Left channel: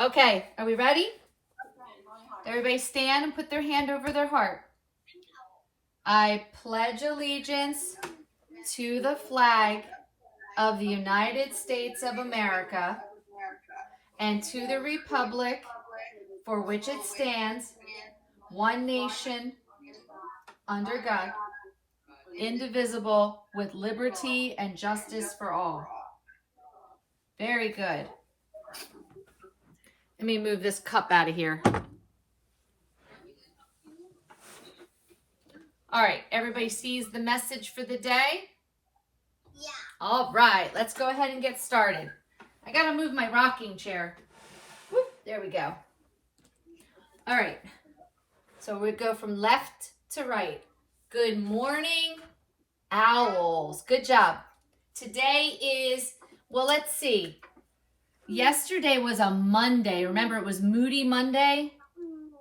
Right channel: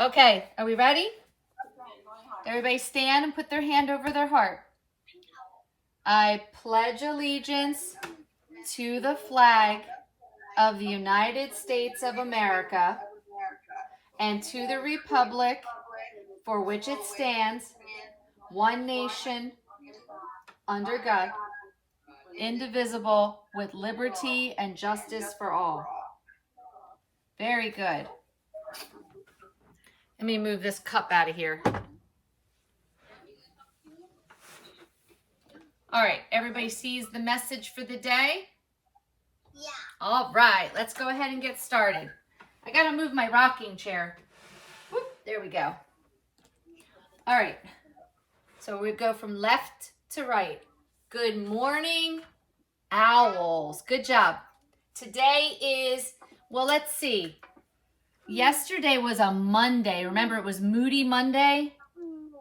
Okay, are we ready? Everybody stand and put their hand over their heart. I pledge allegiance to the flag of the United States of America and to the republic for which it stands, one nation, under God, indivisible, with liberty and justice for all. Very good. Let me move this cup out of here. All right, everybody sees the message for the day? Yeah. All right, let's go ahead and get started. I gotta move my rocking chair. Whoop, there we go. All right, so we go from left to right. Good morning, owls. Good job. Today is, well, let's see. Yesterday was a Monday. Remember, it was Moody Monday.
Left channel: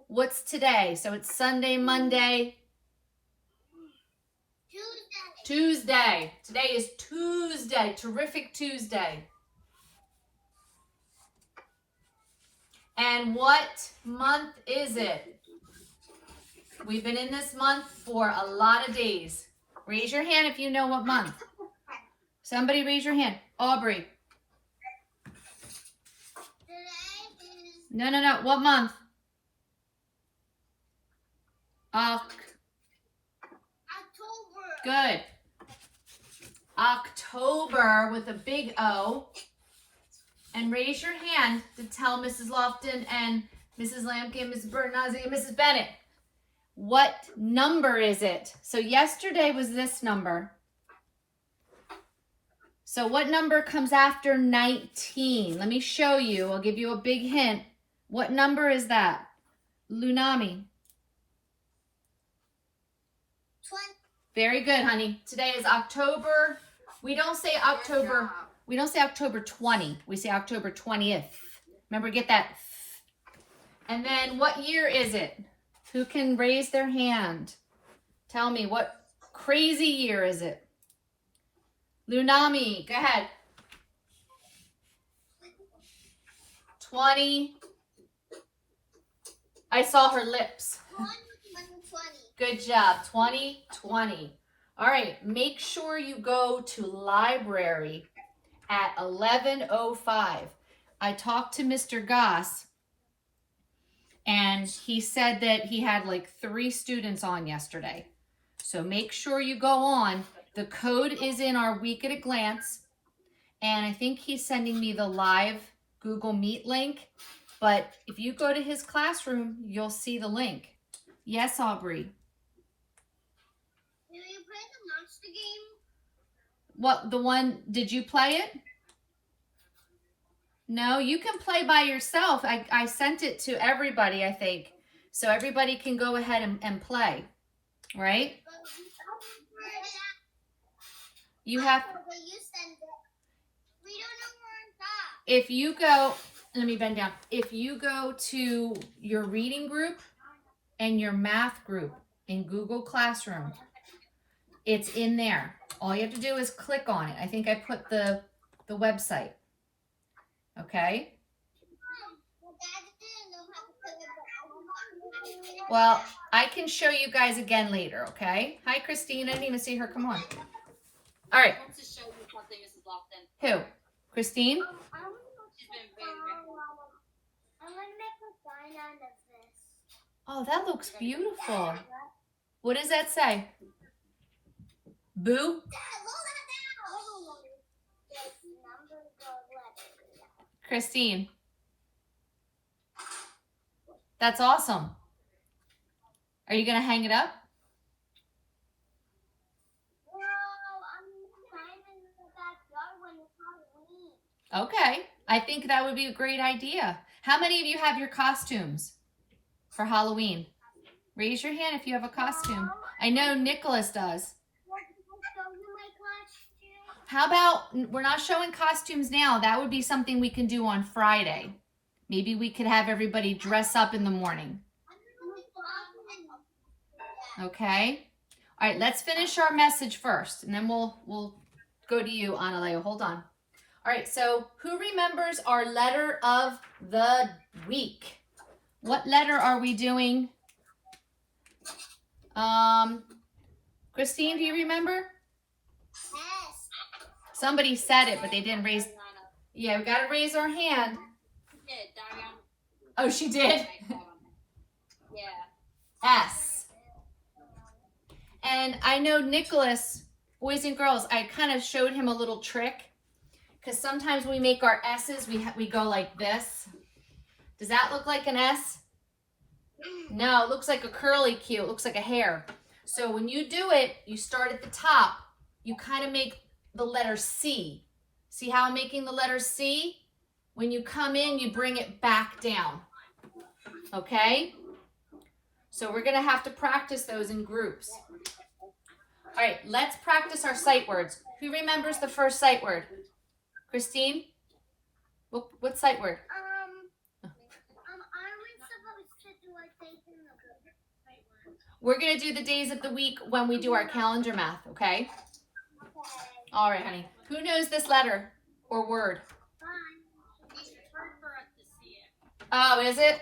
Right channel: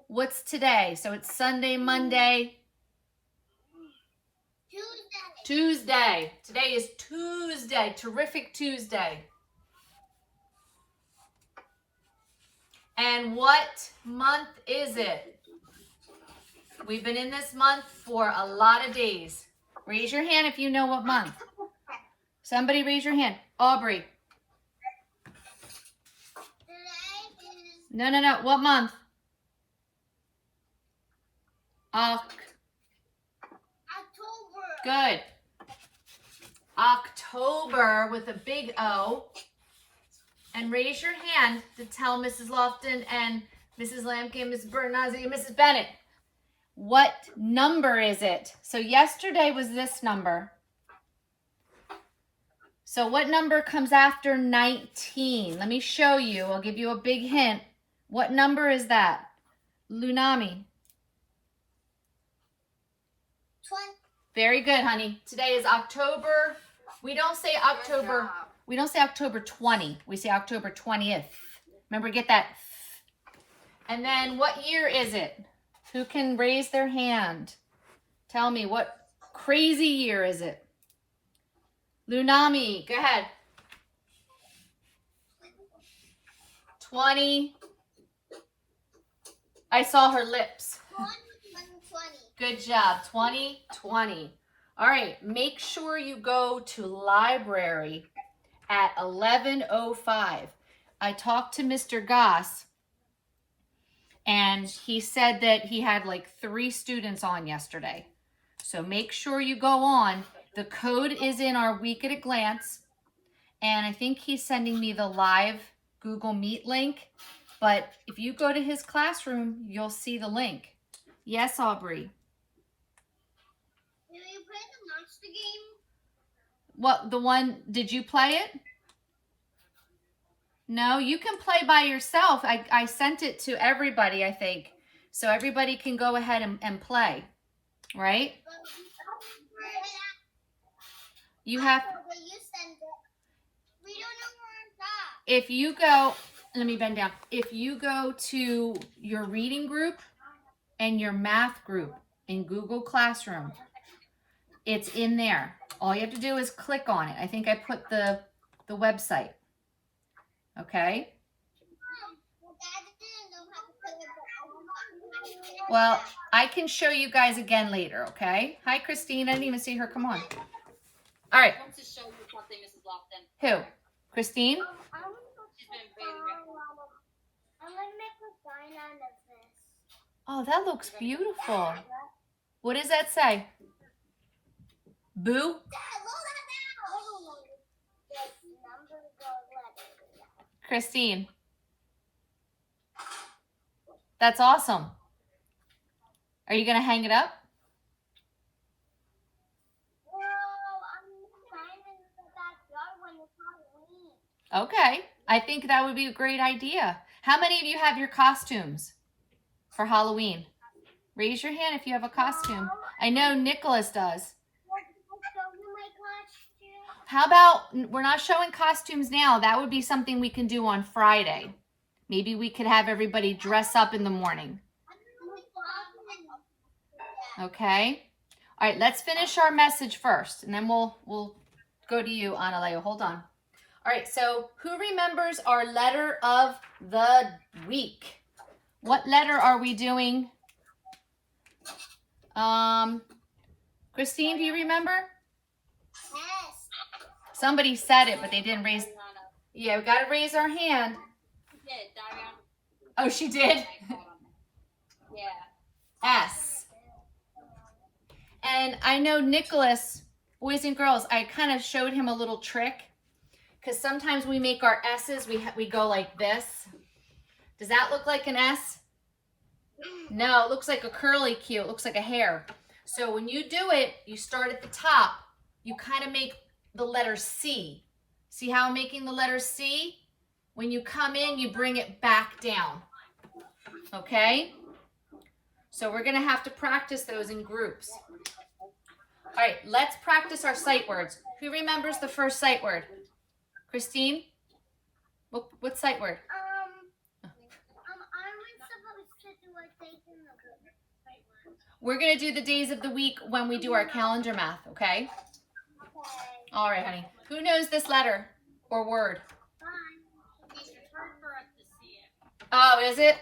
What's today? So it's Sunday, Monday, Tuesday. Today is Tuesday. Terrific Tuesday. And what month is it? We've been in this month for a lot of days. Raise your hand if you know what month. Somebody raise your hand. Aubrey. No. What month? October. Good. October with a big O. And raise your hand to tell Mrs. Lofton and Mrs. Lamke, Mrs. Bernazzi, and Mrs. Bennett. What number is it? So yesterday was this number. So what number comes after 19? Let me show you. I'll give you a big hint. What number is that? Lunami. 20. Very good, honey. Today is October. We don't say October 20. We say October 20th. Remember, get that. And then what year is it? Who can raise their hand? Tell me, what crazy year is it? Lunami, go ahead. 20. I saw her lips. 2020. Good job. 2020. All right. Make sure you go to library at 11:05. I talked to Mr. Goss, and he said that he had like 3 students on yesterday. So make sure you go on. The code is in our Week at a Glance, and I think he's sending me the live Google Meet link. But if you go to his classroom, you'll see the link. Yes, Aubrey. Did you play the monster game? What, the one, did you play it? No, you can play by yourself. I sent it to everybody, I think. So everybody can go ahead and play, right? You have, We don't know where it's at. if you go, let me bend down. If you go to your reading group and your math group in Google Classroom, it's in there. All you have to do is click on it. I think I put the website. Okay? Well, I can show you guys again later, okay? Hi, Christine. I didn't even see her. Come on. All right. I want to show you something, Mrs. Lofton. Who? Christine? She's been very I'm gonna make a sign out of this. Oh, that looks beautiful. What does that say? Boo? Dad, look at that! This number goes letters. Christine. That's awesome. Are you going to hang it up? No, I'm signing in the backyard when it's Halloween. Okay. I think that would be a great idea. How many of you have your costumes for Halloween? Raise your hand if you have a costume. I know Nicholas does. How about, we're not showing costumes now. That would be something we can do on Friday. Maybe we could have everybody dress up in the morning. Okay. All right, let's finish our message first, and then we'll go to you, Analeo. Hold on. All right, so who remembers our letter of the week? What letter are we doing? Christine, do you remember? Yes. Somebody said it, but they didn't raise. Yeah, we got to raise our hand. Yeah, Darian. Oh, she did? Yeah. S. And I know Nicholas, boys and girls, I kind of showed him a little trick. Because sometimes we make our S's, we go like this. Does that look like an S? No, it looks like a curly Q. It looks like a hair. So when you do it, you start at the top. You kind of make the letter C. See how I'm making the letter C? When you come in, you bring it back down. Okay? So we're going to have to practice those in groups. All right, let's practice our sight words. Who remembers the first sight word? Christine? What sight word? I was supposed to do a thing in the book. We're going to do the days of the week when we do our calendar math, okay? Okay. All right, honey. Who knows this letter or word? It's hard for us to see it. Oh, is it?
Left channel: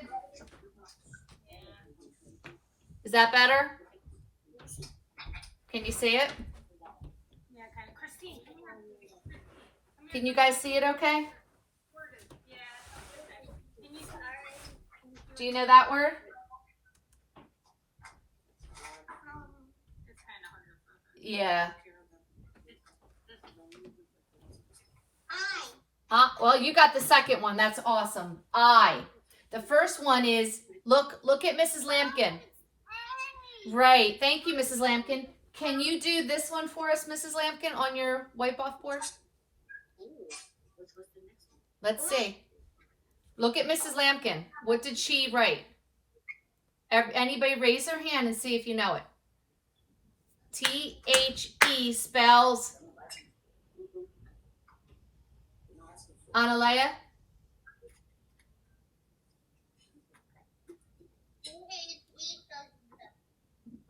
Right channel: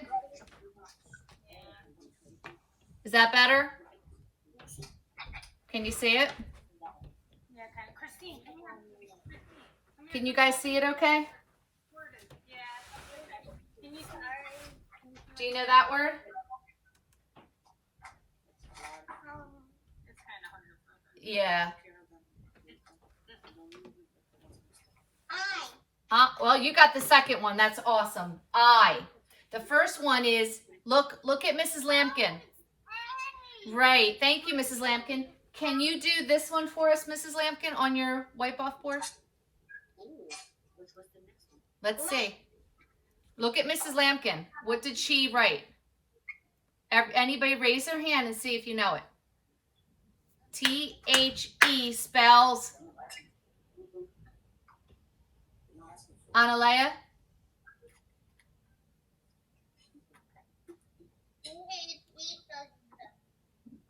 Is that better? Can you see it? Yeah, kind of. Christine. Can you guys see it okay? Yeah. Can you Do you know that word? It's kind of hard to focus. Yeah. I. Well, you got the second one. That's awesome. I. The first one is, look at Mrs. Lampkin. Right. Thank you, Mrs. Lampkin. Can you do this one for us, Mrs. Lampkin, on your wipe-off board? Let's see. Look at Mrs. Lampkin. What did she write? Anybody raise their hand and see if you know it. T-H-E spells Analea?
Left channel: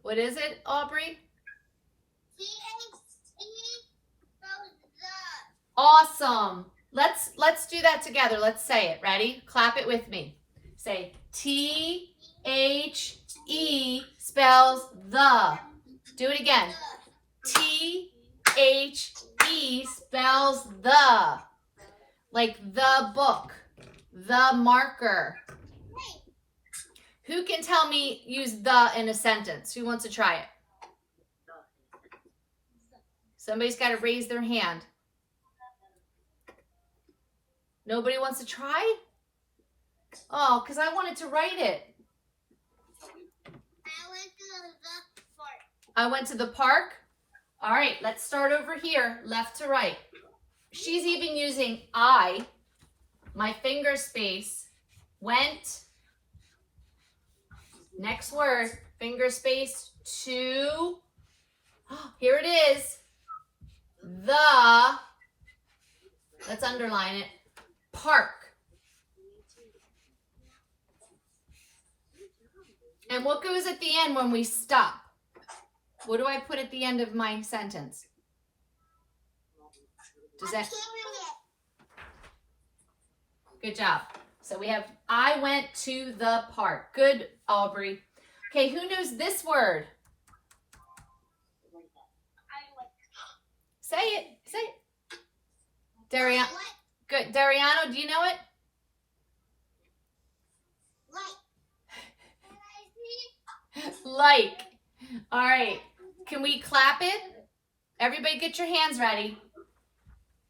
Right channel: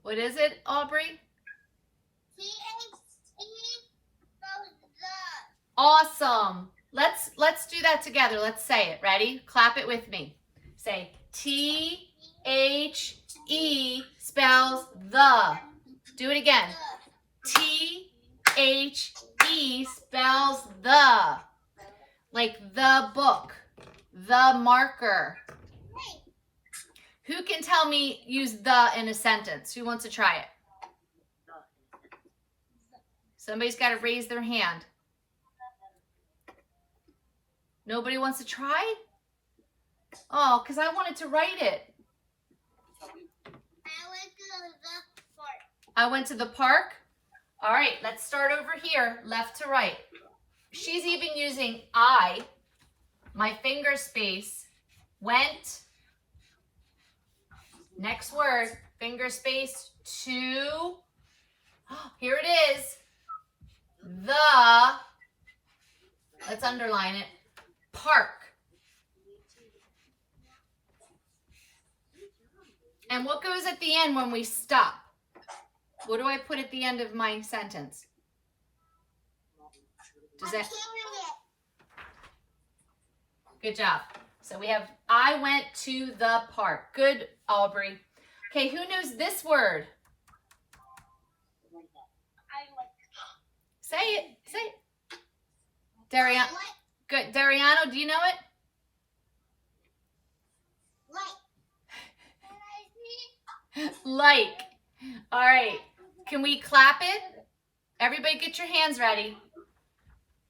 What is it, Aubrey? Awesome. Let's do that together. Let's say it. Ready? Clap it with me. Say T-H-E spells the. Do it again. T-H-E spells the. Like the book, the marker. Who can tell me use the in a sentence? Who wants to try it? Somebody's got to raise their hand. Nobody wants to try? Oh, because I wanted to write it. I went to the park. All right, let's start over here, left to right. She's even using I, my finger space, went, next word, finger space, to, here it is, the, let's underline it, park. And what goes at the end when we stop? What do I put at the end of my sentence? Does that? Good job. So we have, I went to the park. Good, Aubrey. Okay, who knows this word? Say it. Say it. Dariano. Good. Dariano, do you know it? Like. All right. Can we clap it? Everybody get your hands ready.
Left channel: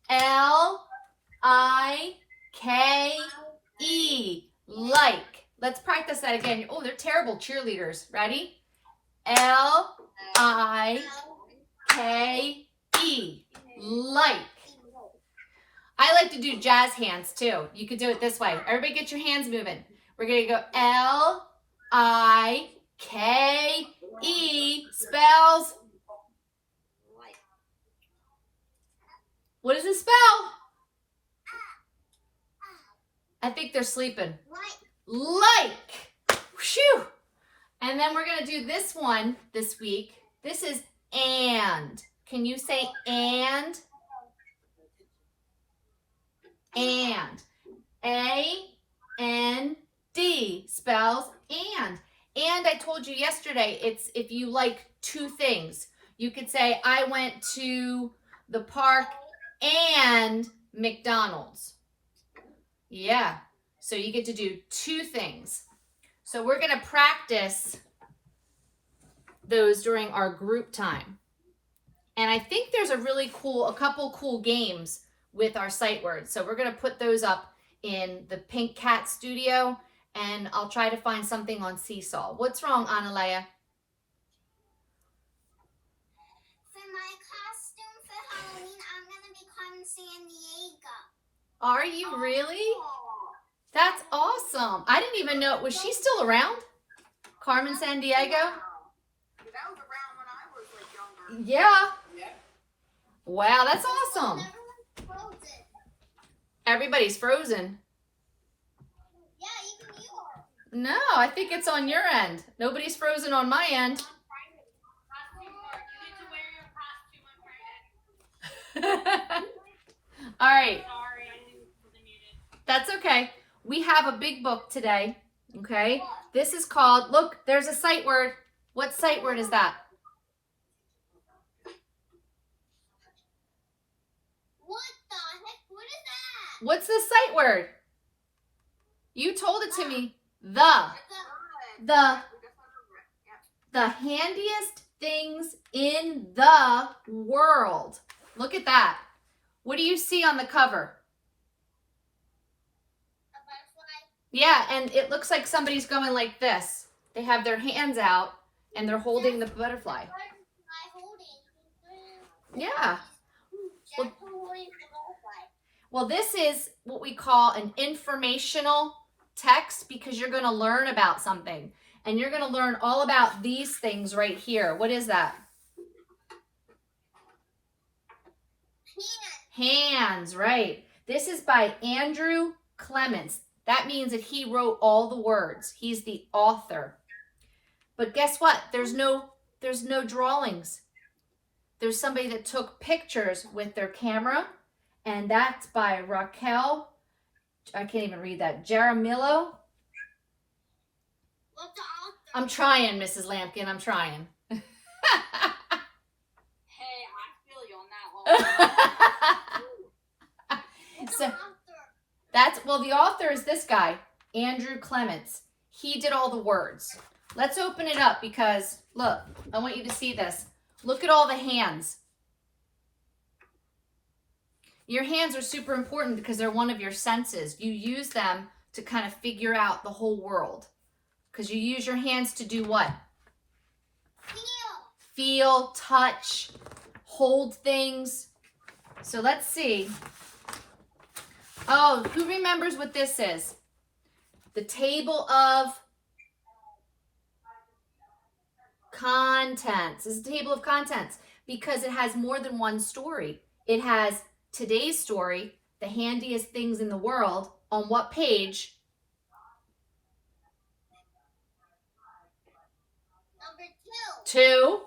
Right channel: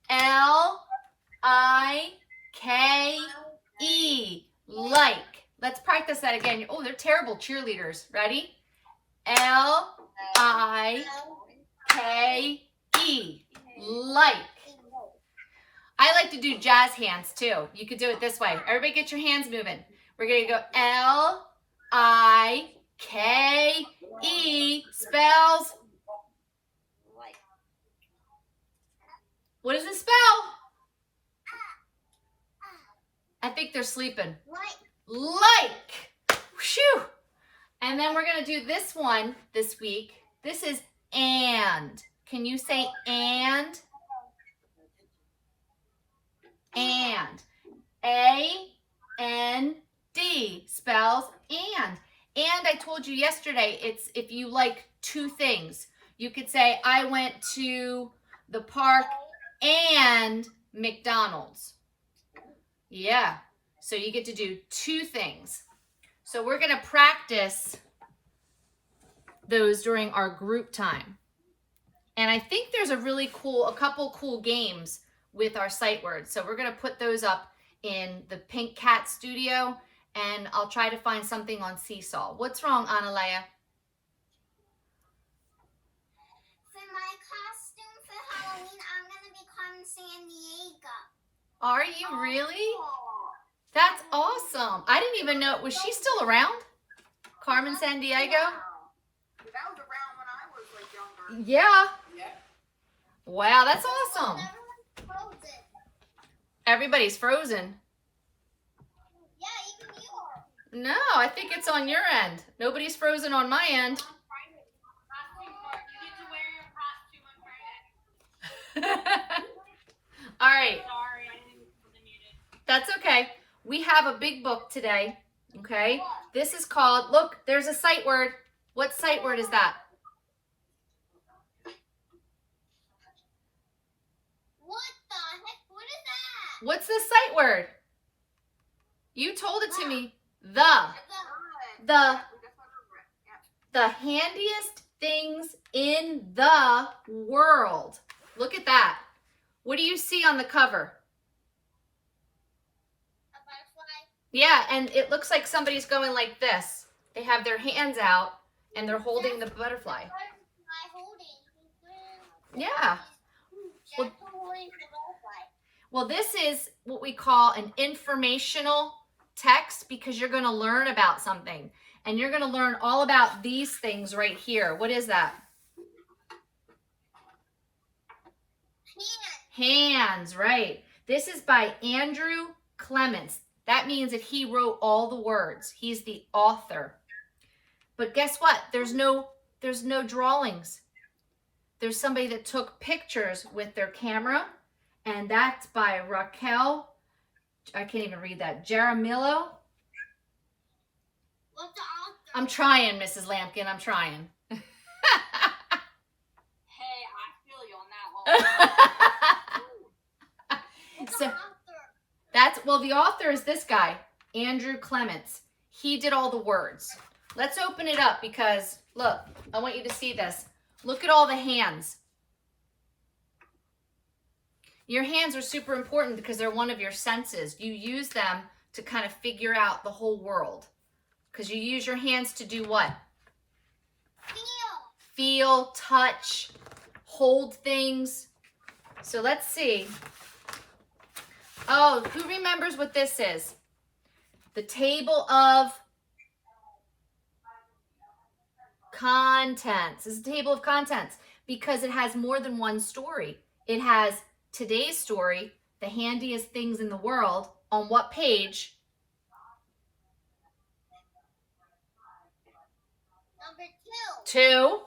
L-I-K-E. Like. Let's practice that again. Oh, they're terrible cheerleaders. Ready? L-I-K-E. Like. I like to do jazz hands too. You could do it this way. Everybody get your hands moving. We're going to go L-I-K-E spells. What does it spell? I think they're sleeping. Like. Whew. And then we're going to do this one this week. This is and. Can you say and? And. A-N-D spells and. And I told you yesterday, it's if you like two things. You could say, I went to the park and McDonald's. Yeah. So you get to do two things. So we're going to practice those during our group time. And I think there's a couple cool games with our sight words. So we're going to put those up in the Pink Cat Studio, and I'll try to find something on Seesaw. What's wrong, Analea? For my costume for Halloween, I'm gonna be Carmen San Diego. Are you really? That's awesome. I didn't even know. Was she still around? Carmen San Diego? That was around when I was like younger. Yeah. Yeah. Wow, that's awesome. Everyone's frozen. Everybody's frozen. Yeah, even you are. No, I think it's on your end. Nobody's frozen on my end. Costume part. You need to wear your costume on Friday. All right. Sorry, I wasn't muted. That's okay. We have a big book today, okay? This is called, look, there's a sight word. What sight word is that? What the heck? What is that? What's the sight word? You told it to me. The handiest things in the world. Look at that. What do you see on the cover? A butterfly. Yeah, and it looks like somebody's going like this. They have their hands out and they're holding the butterfly. Butterfly holding. Yeah. Just holding the butterfly. Well, this is what we call an informational text because you're going to learn about something. And you're going to learn all about these things right here. What is that? Hands, right. This is by Andrew Clements. That means that he wrote all the words. He's the author. But guess what? There's no drawings. There's somebody that took pictures with their camera, and that's by Raquel. I can't even read that. Jaramillo. What's the author? I'm trying, Mrs. Lampkin. I'm trying. Hey, I feel you on that one. What's So- the author? The author is this guy, Andrew Clements. He did all the words. Let's open it up because, look, I want you to see this. Look at all the hands. Your hands are super important because they're one of your senses. You use them to kind of figure out the whole world. Because you use your hands to do what? Feel, touch, hold things. So let's see. Oh, who remembers what this is? The table of contents. This is a table of contents because it has more than one story. It has today's story, the handiest things in the world, on what page? Number 2.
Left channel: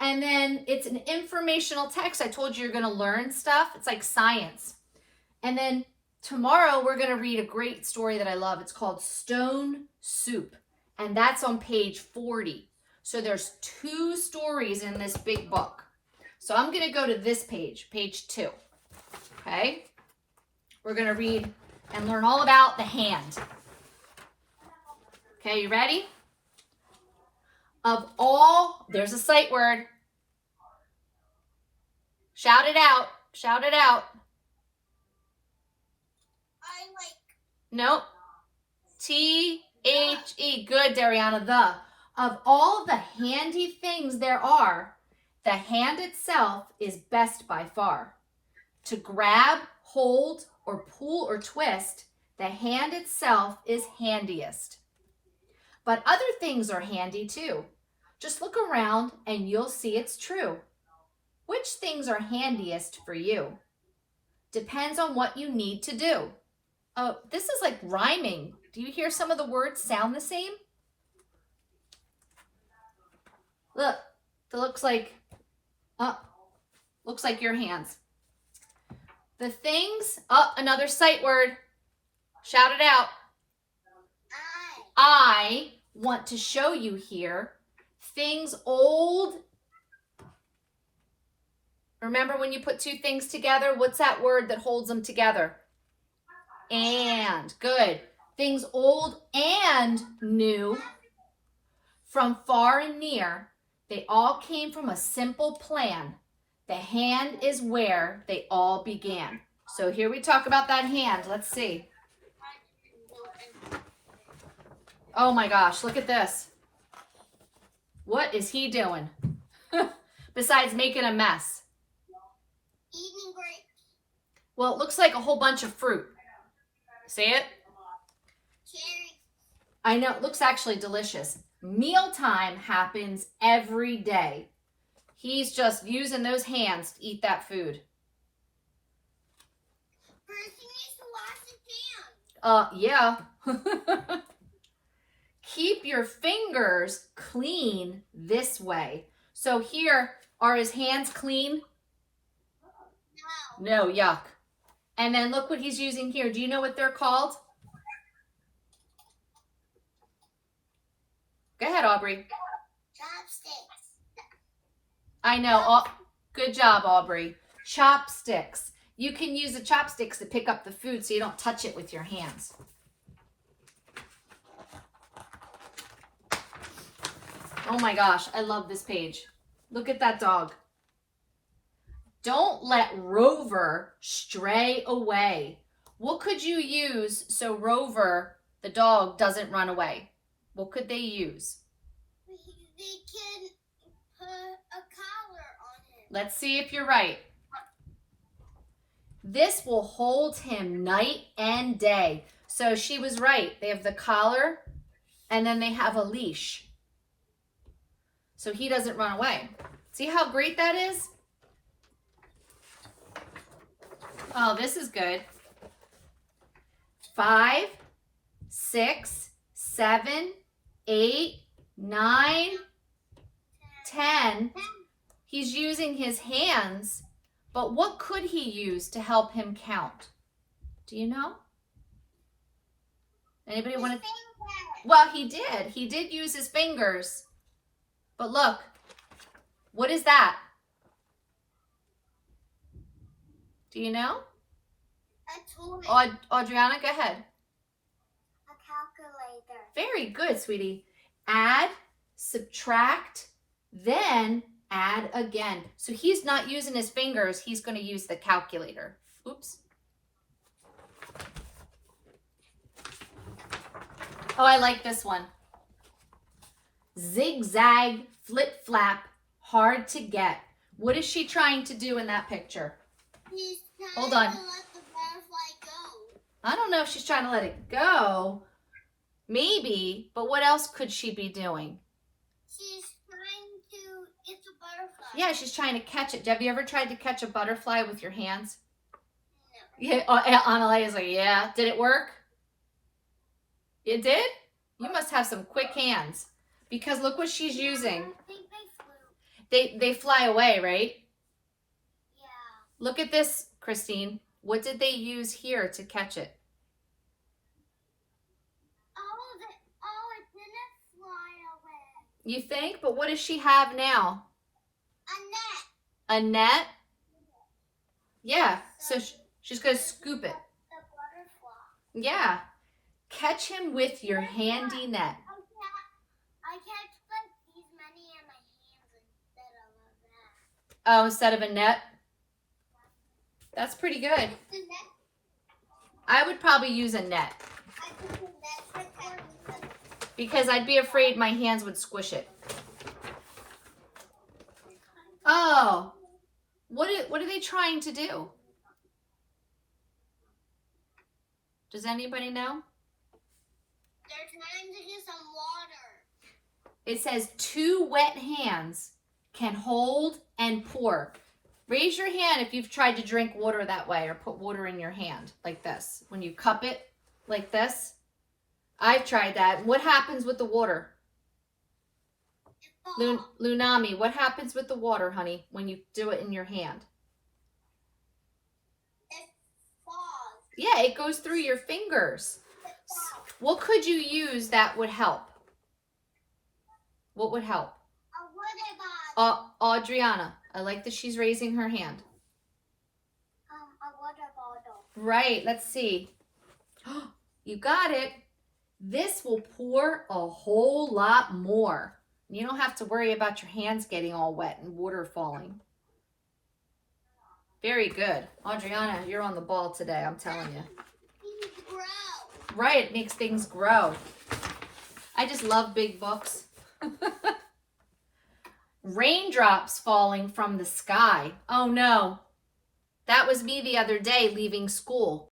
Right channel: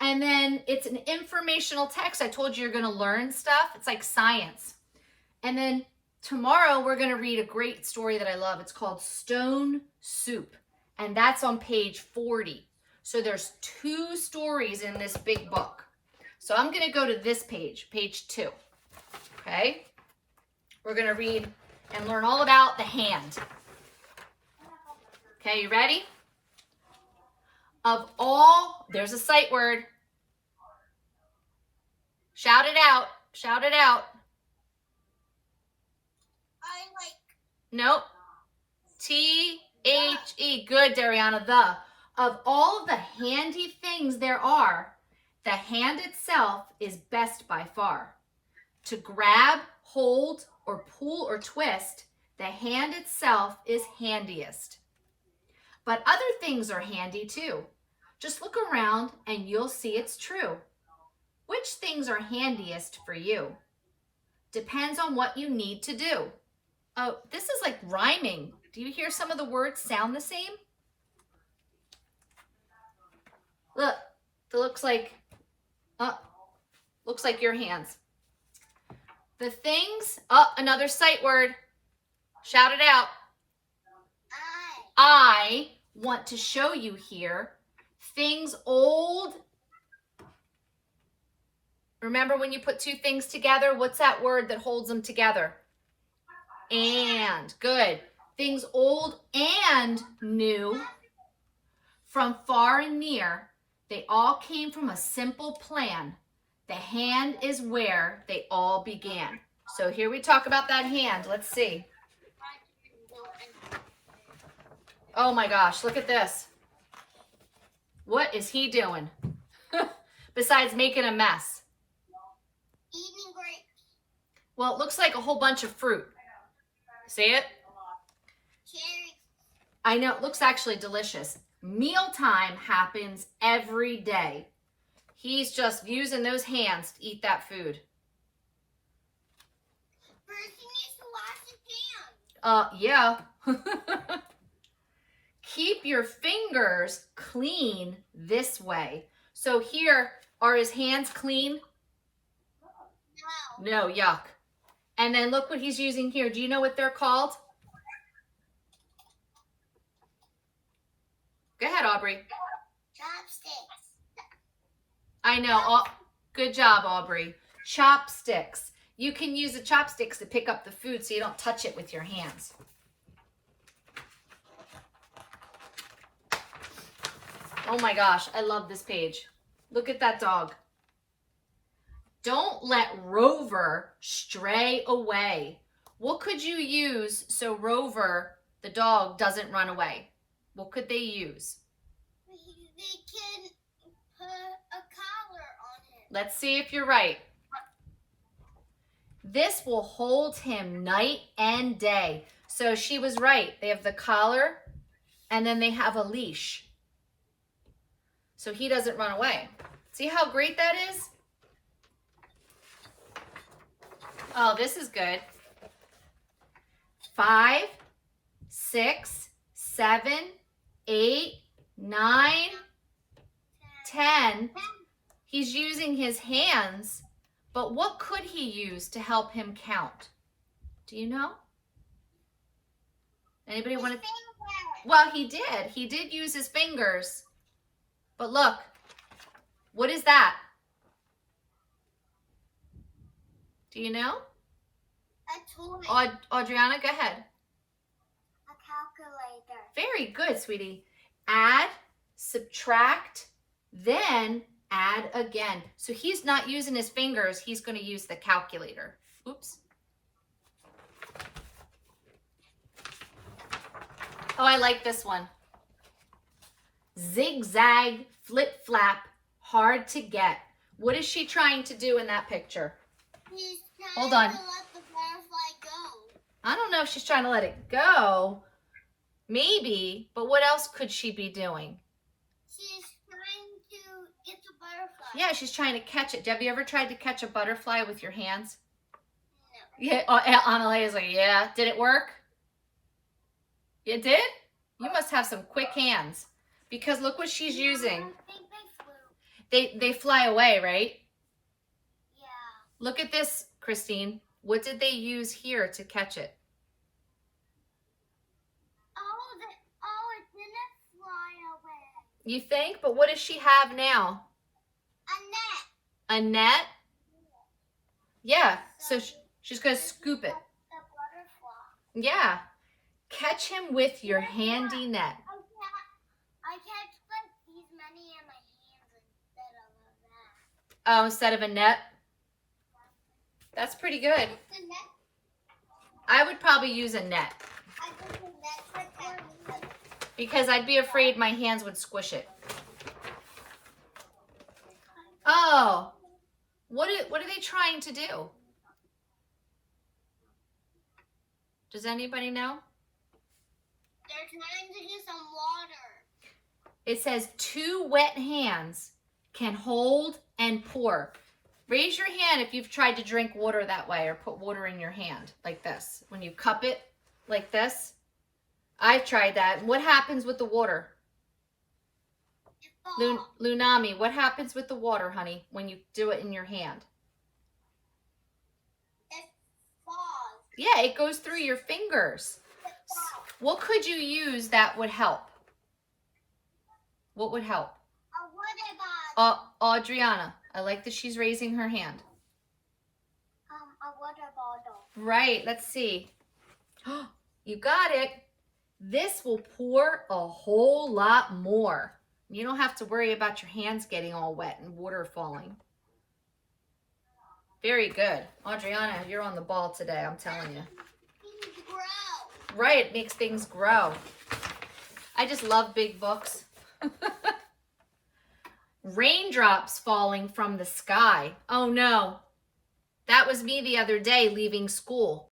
And then it's an informational text. I told you you're going to learn stuff. It's like science. And then tomorrow we're going to read a great story that I love. It's called Stone Soup. And that's on page 40. So there's 2 stories in this big book. So I'm going to go to this page, page 2. Okay? We're going to read and learn all about the hand. Okay, you ready? Of all, there's a sight word. Shout it out. Shout it out. I like. Nope. T-H-E. Good, Dariana. The. Of all the handy things there are, the hand itself is best by far. To grab, hold, or pull or twist, the hand itself is handiest. But other things are handy too. Just look around and you'll see it's true. Which things are handiest for you? Depends on what you need to do. Oh, this is like rhyming. Do you hear some of the words sound the same? Look, it looks like your hands. The things, oh, another sight word. Shout it out. I want to show you here things old. Remember when you put two things together, what's that word that holds them together? And. Good. Things old and new, from far and near, they all came from a simple plan. The hand is where they all began. So here we talk about that hand. Let's see. Oh my gosh, look at this. What is he doing? Besides making a mess. Eating grapes. Well, it looks like a whole bunch of fruit. See it? Cherries. I know, it looks actually delicious. Mealtime happens every day. He's just using those hands to eat that food. Person needs to wash his hands. Yeah. Keep your fingers clean this way. So here, are his hands clean? No. No, yuck. And then look what he's using here. Do you know what they're called? Go ahead, Aubrey. Chopsticks. I know. Good job, Aubrey. Chopsticks. You can use the chopsticks to pick up the food so you don't touch it with your hands. Oh my gosh, I love this page. Look at that dog. Don't let Rover stray away. What could you use so Rover, the dog, doesn't run away? What could they use? They can put a collar on him. Let's see if you're right. This will hold him night and day. So she was right. They have the collar and then they have a leash. So he doesn't run away. See how great that is? Oh, this is good. 5, 6, 7, 8, 9, 10. He's using his hands, but what could he use to help him count? Do you know? Anybody want to? Well, he did. He did use his fingers. But look, what is that? Do you know? A toy. Adriana, go ahead. A calculator. Very good, sweetie. Add, subtract, then add again. So he's not using his fingers. He's going to use the calculator. Oops. Oh, I like this one. Zigzag, flip flap, hard to get. What is she trying to do in that picture? He's trying Hold on. to let the butterfly go. I don't know if she's trying to let it go. Maybe, but what else could she be doing? She's trying to get the butterfly. Yeah, she's trying to catch it. Have you ever tried to catch a butterfly with your hands? No. Yeah, Annalea's like, yeah. Did it work? It did? You must have some quick hands. Because look what she's using. I think they flew. They fly away, right? Yeah. Look at this, Christine. What did they use here to catch it? Oh, it didn't fly away. You think? But what does she have now? A net. A net? Yeah. So she's going to scoop it. The butterfly. Yeah. Catch him with your handy net. I catch like these many in my hands instead of that. Oh, instead of a net? That's pretty good. The net. I would probably use a net I think the net protects. because I'd be afraid my hands would squish it. Oh, what are they trying to do? Does anybody know? They're trying to get some water. It says 2 wet hands can hold and pour. Raise your hand if you've tried to drink water that way or put water in your hand like this. When you cup it like this. I've tried that. What happens with the water? It falls. Lunami, what happens with the water, honey, when you do it in your hand? It Yeah, it goes through your fingers. What could you use that would help? What would help? A water bottle. Adriana, I like that she's raising her hand. A water bottle. Right, let's see. You got it. This will pour a whole lot more. You don't have to worry about your hands getting all wet and water falling. Very good. Adriana, you're on the ball today, I'm telling you. Things grow. Right, it makes things grow. I just love big books. Raindrops falling from the sky. Oh no. That was me the other day leaving school.